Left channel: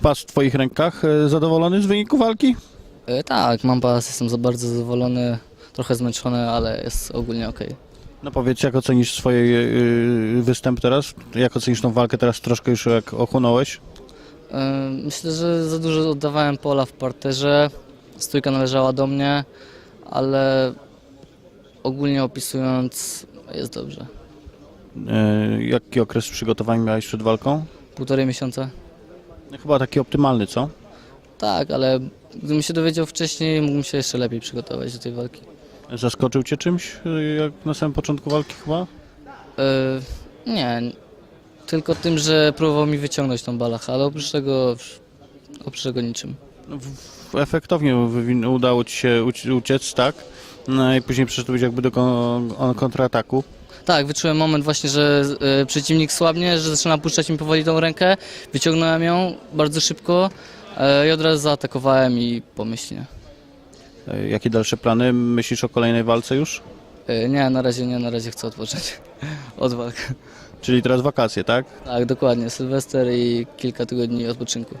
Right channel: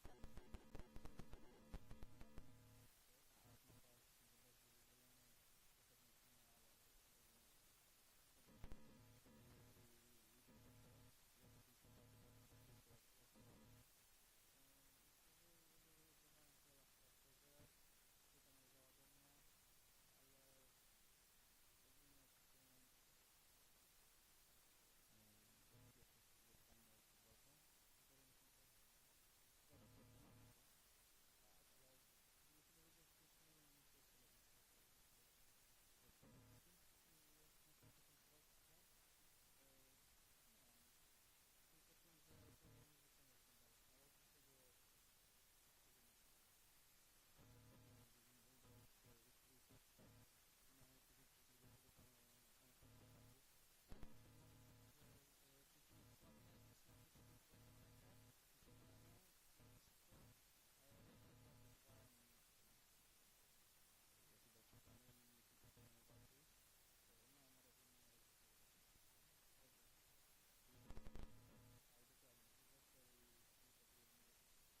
pas w twoich rękach. E, Zadowolony z wyniku walki? E, tak, mam pas, jestem za bardzo zadowolony, trochę zmęczony, ale jest ogólnie ok. No powiedz, jak ocenisz swoje e, występ teraz? Jak ocenisz tą walkę teraz troszkę już jak ochłonąłeś? E, Myślę, że za dużo oddawałem pola w parterze, stójka należała do mnie, ale ogólnie opisując jest dobrze. E, Jaki okres przygotowań miałeś przed walką? Półtorej miesiąca? Chyba taki optymalny, co? Tak, ale gdybym się dowiedział wcześniej, mógłbym się jeszcze lepiej przygotować do tej walki. Zaskoczył cię czymś, e, jak na samym początku walki chyba? E, nie, tylko tym, że próbował mi wyciągnąć tą balachę, ale oprócz tego, oprócz tego niczym. No, w- Efektownie wywin- udało ci się uci- uciec, tak? No i później przeszedłeś jakby do kon- on- kontrataku. Tak, wyczułem moment właśnie, że e, przeciwnik słabnie, że zaczyna puszczać mi powoli tą rękę. Wyciągnąłem ją bardzo szybko e, i od razu zaatakowałem i pomyślnie. E, Jakie dalsze plany? Myślisz o kolejnej walce już? E, nie, na razie nie, na razie chcę odpocząć od walk. Czyli teraz wakacje, tak? Tak, dokładnie, Sylwester i kilka tygodni odpoczynku.